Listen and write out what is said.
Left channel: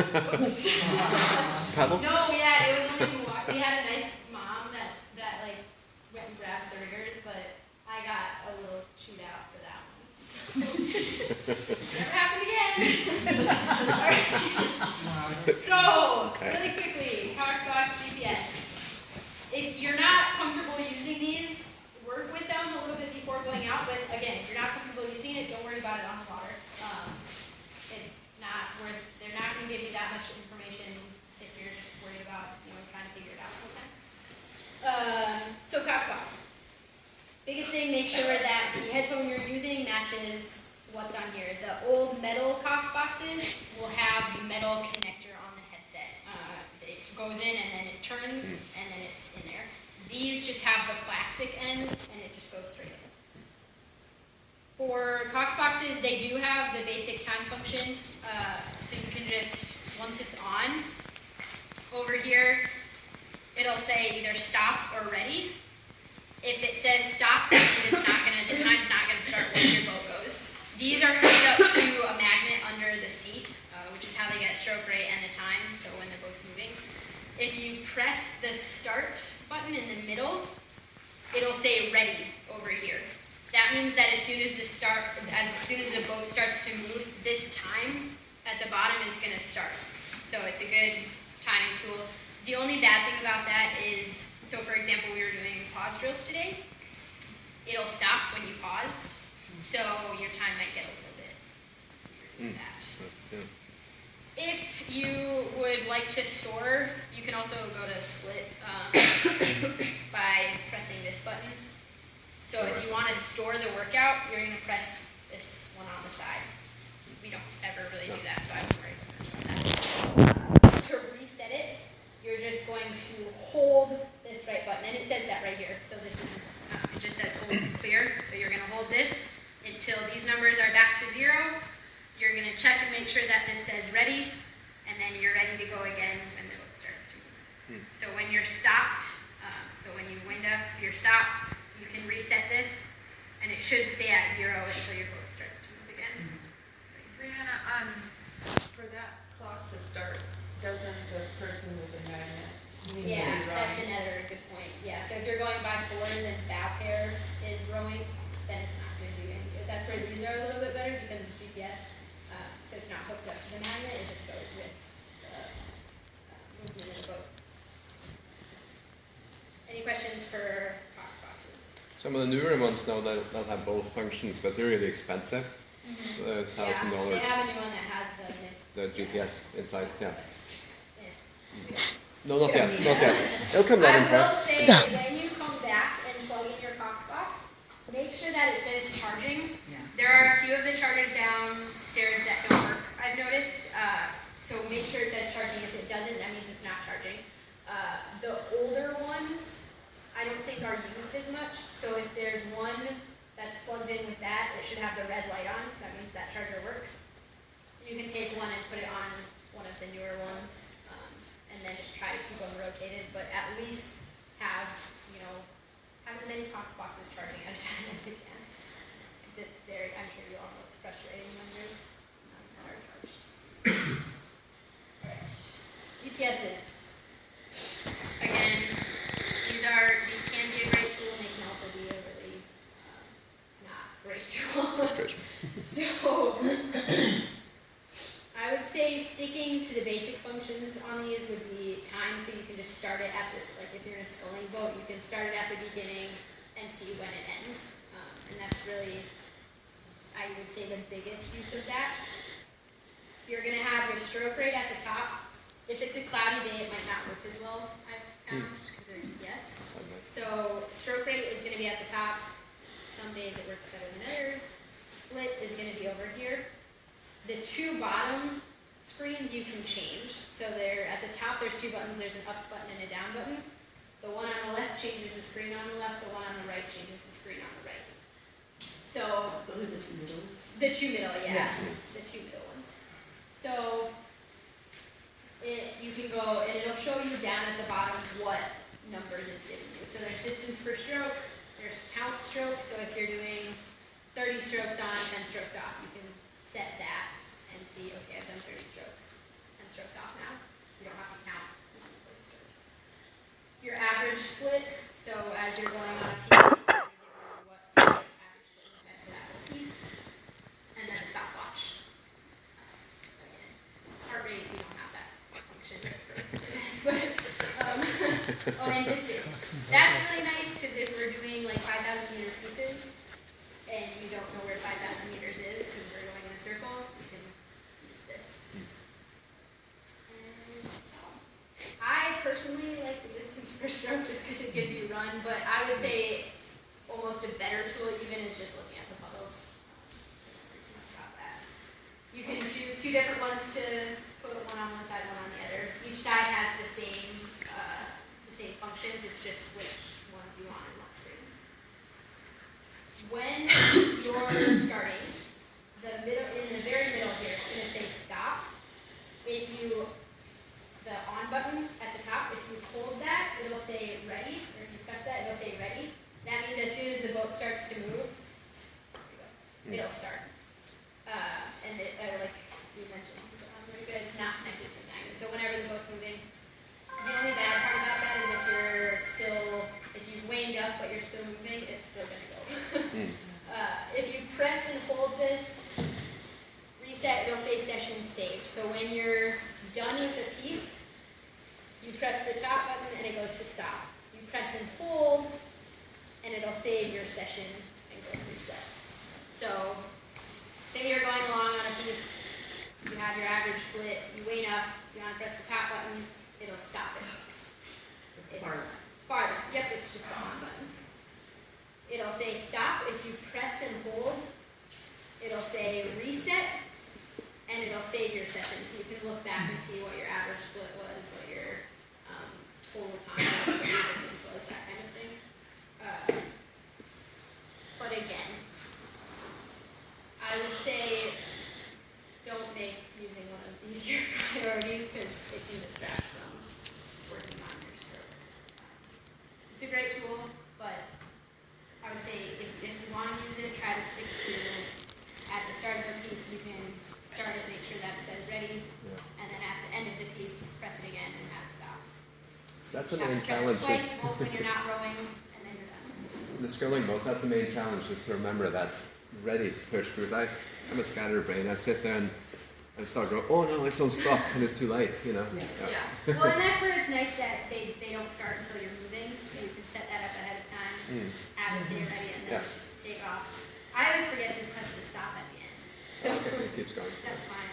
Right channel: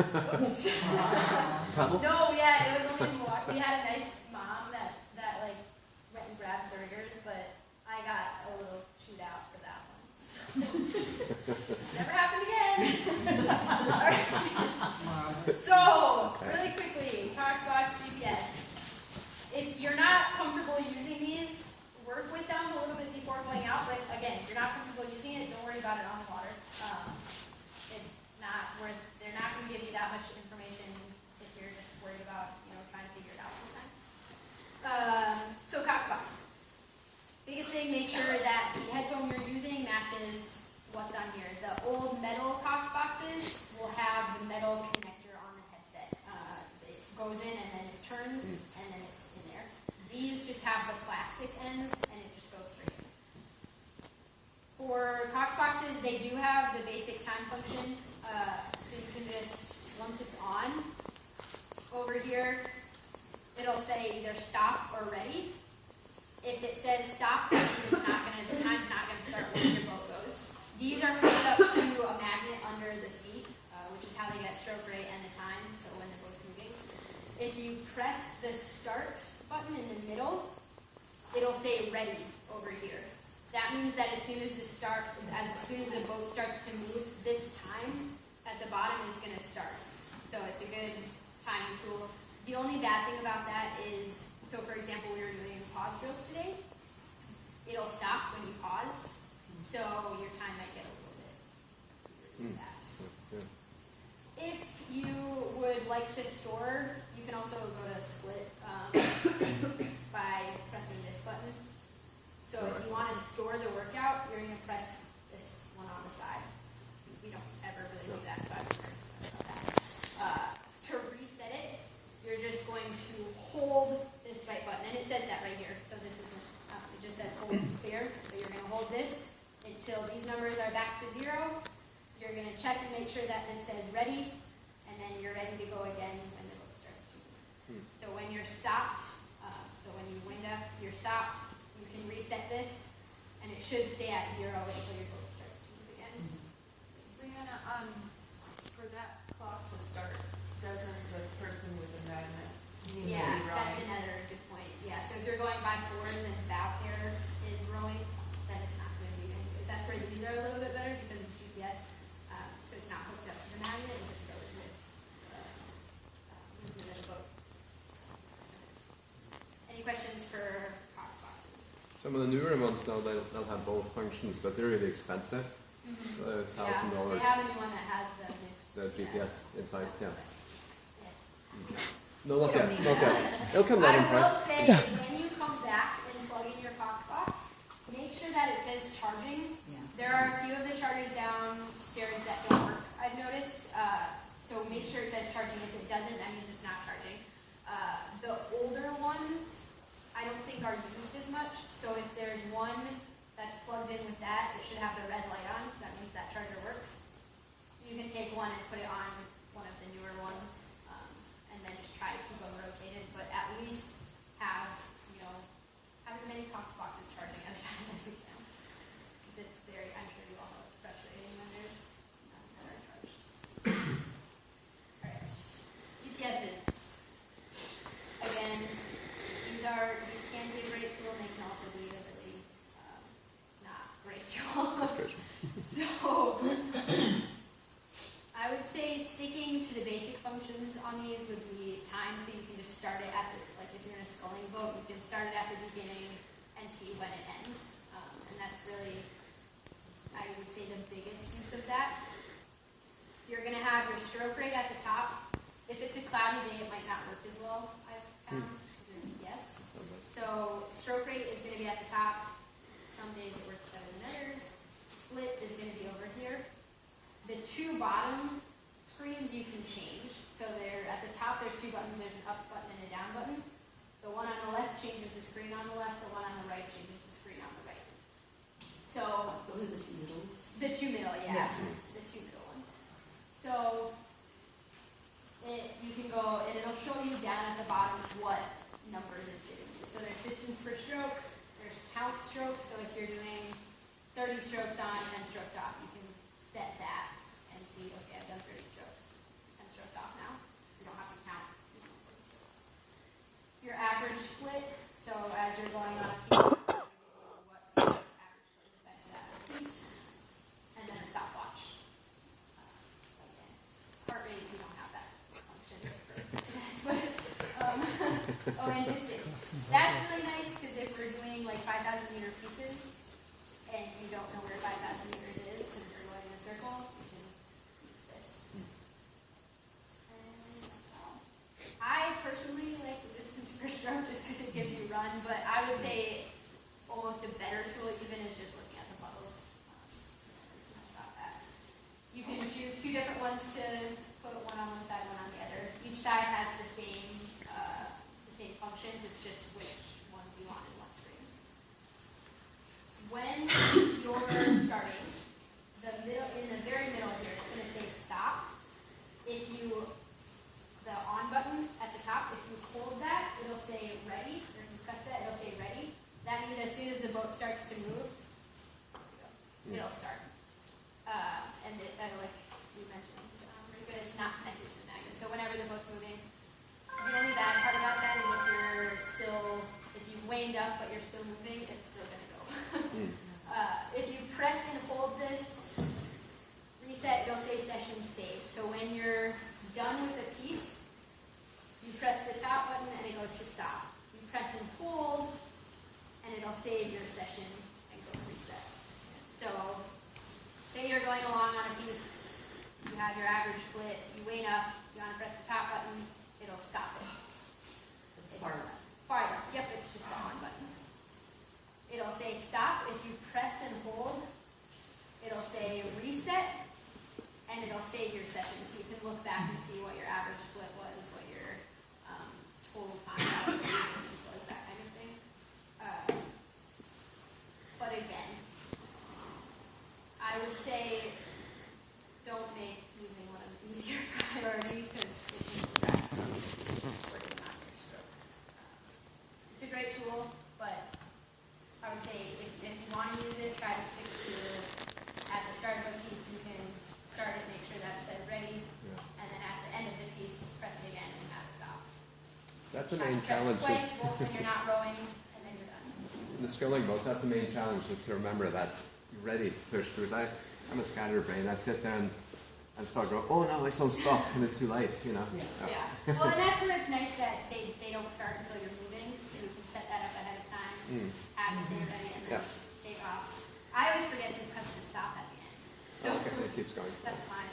Whoops. Paddle? No, yeah, it was only walk. We had a nice mom that like went and grabbed the riggers, but I got a little chewed out for that one. So. Never happened again. All right. So, really quickly, Coxbox GPS. If you're not comfortable using these, work with them a little bit before going out, but again, if you're not comfortable using it, don't worry about it on the water. It's not worth, they're not going to give you that much information if you're just worried about, trying to figure it out all the time. So Coxbox. Biggest thing, make sure that the headphone you're using matches what's on here. The old metal Coxboxes will have the metal connector on the headset. It goes in and then it turns and then it's in there. These just have the plastic ends and it just goes straight in. For Coxboxes, they do have the basic time function, so you can just, once it's on, over here, it'll say either stop or ready. If it says stop, that means it's not gonna, the time's not gonna start once your boat goes. These are hooked up to a magnet under the seat, which is how they get stroke rate and the time, so when the boat's moving. If you press the start button in the middle, it'll say ready over here. That means that as soon as the boat starts to move, this time at the bottom is going to start. So it's a good timing tool. The only bad thing about that is, so for example, we were doing pause drills today. It'll stop when you pause, so your time might get a little bit weird with that. If you would like to store, you can also go to split by pressing this button. So if you want to store the workout, you're going to press this one on the side. We don't ever really do that, so I won't worry about that. To reset it, you're just going to hold this right button, and it says that right here. So this is, it just says hold clear. So you're going to hold this until these numbers are back to 0. You're going to check and make sure that this says ready, and then you're ready to go again when the boat starts to move. So when you're stopped, so when you wind up, you're stopped, you can reset this, and it should stay at 0 until your boat starts to move again. Brianna, for that clock to start, doesn't the person with the magnet need to be rowing? That's another good point. Yeah, so if you're going by 4 and then bow pair is rowing, then it's not going to do any good. That's where these are a little bit better because it's GPS. So it's not hooked up to the magnet, it just goes with the movement of the boat. Any questions for Coxboxes? Some of the newer ones now that they'll have both functions, but they're really expensive. $1,000. Yeah, they have a new one that has The GPS inside, yeah. Yeah. No, not yet, not yet. It'll come down in I will price. say, when you come back and plug in your Coxbox, make sure that it says charging. Yeah. There are a few of the chargers downstairs that don't work, I've noticed. So make sure it says charging. If it doesn't, that means it's not charging. The older ones, I don't think are used as much. So if there's one that's plugged in with that, it should have the red light on. That means that charger works. You can take one and put it on one of the newer ones, and then just try to keep them rotated. But at least have, have as many Coxboxes charging at a time as you can. Because it's very, I'm sure you all know it's frustrating when there's none that are charged. Alright, UPSs. Again, these can be a great tool, and they can also be a really not great tool. So, I would say sticking to the basic functions on these would be time, so you can just start it at the, like if you're in a sculling boat, you can start it at the beginning and see when it ends. And that's really, I would say, the biggest use of that. You're going to have your stroke rate at the top. If it's a cloudy day, it might not work as well, I've found, because yes. So stroke rate is going to be at the top. Some days it works better than others. Split is going to be over here. The two bottom screens you can change. So they're at the top, there's two buttons. There's an up button and a down button. The one on the left changes the screen on the left. The one on the right changes the screen on the right. So those are the two middle ones. The two middle, yeah. The two middle ones. So you can go, and it'll show you down at the bottom what numbers it's giving you. So there's distance per stroke. There's count strokes. So if you're doing 30 strokes on, 10 strokes off, you can set that and see, okay, I've done 30 strokes, 10 strokes your average split. So as you're going on a piece, you're going to give you what your average split is at that piece, and then a stopwatch. Again, heart rate, we don't have that function for this, but oh, and distance. That's really nice because if we're doing like 5,000 meter pieces, and you don't know where 5,000 meters is because we're going in a circle, you can use this. And I personally like the distance per stroke just because it gives you run, but I would say almost a better tool even is just looking at the puddles. About that. You can choose 2 different ones to put one on one side, one on the other. Each side has the same functions, it's just which ones you want in what screens. When you're starting, in the very middle here, it's going to say stop. If you, the on button at the top, if you hold that, it'll say ready, or if you press that, it'll say ready. That means as soon as the boat starts to move, it'll start. And like you mentioned, it's not connected to the magnet. So whenever the boat's moving, the only bad part about that is if you've waned up but you're still moving, it's still going to go. If you press and hold this reset, it'll say session saved. So when you're done with the piece, you press the top button and it goes to stop. You press and hold, and it'll save your session and go reset. So say you're going along on a piece, you have your average split, you wane up, you want to press the top button, it'll stop it. Farther. Yep, it's just the on button. It'll say stop. If you press and hold, it'll say reset, and it'll save your session. So you can look back and see what your average split was, what your total time was, what your distance was, that kind of thing. But again, I would say don't make using one of these your priority because it can distract from working on your stroke. It's a great tool, but I would say if you want to use it, try to stick to, at the start of a piece, you can start it, make sure that it says ready, and then at the end of the piece, press it again and have it stop. That's the main challenge. Press it twice, both when you're not rowing, and then you're done. In the skilling boats, that's the main challenge, just to remember that ready to push through. I'm a scatterbrain. I sit there and I start going, oh no, it's on stop, and it's too late, you know. Yeah. Well, and that's where it's nice that they don't start until you're moving, so you can set that up ahead of time, have it say you're ready, and then just take off. I always forget to press the stop at the end. So okay, it keeps going. That's fine.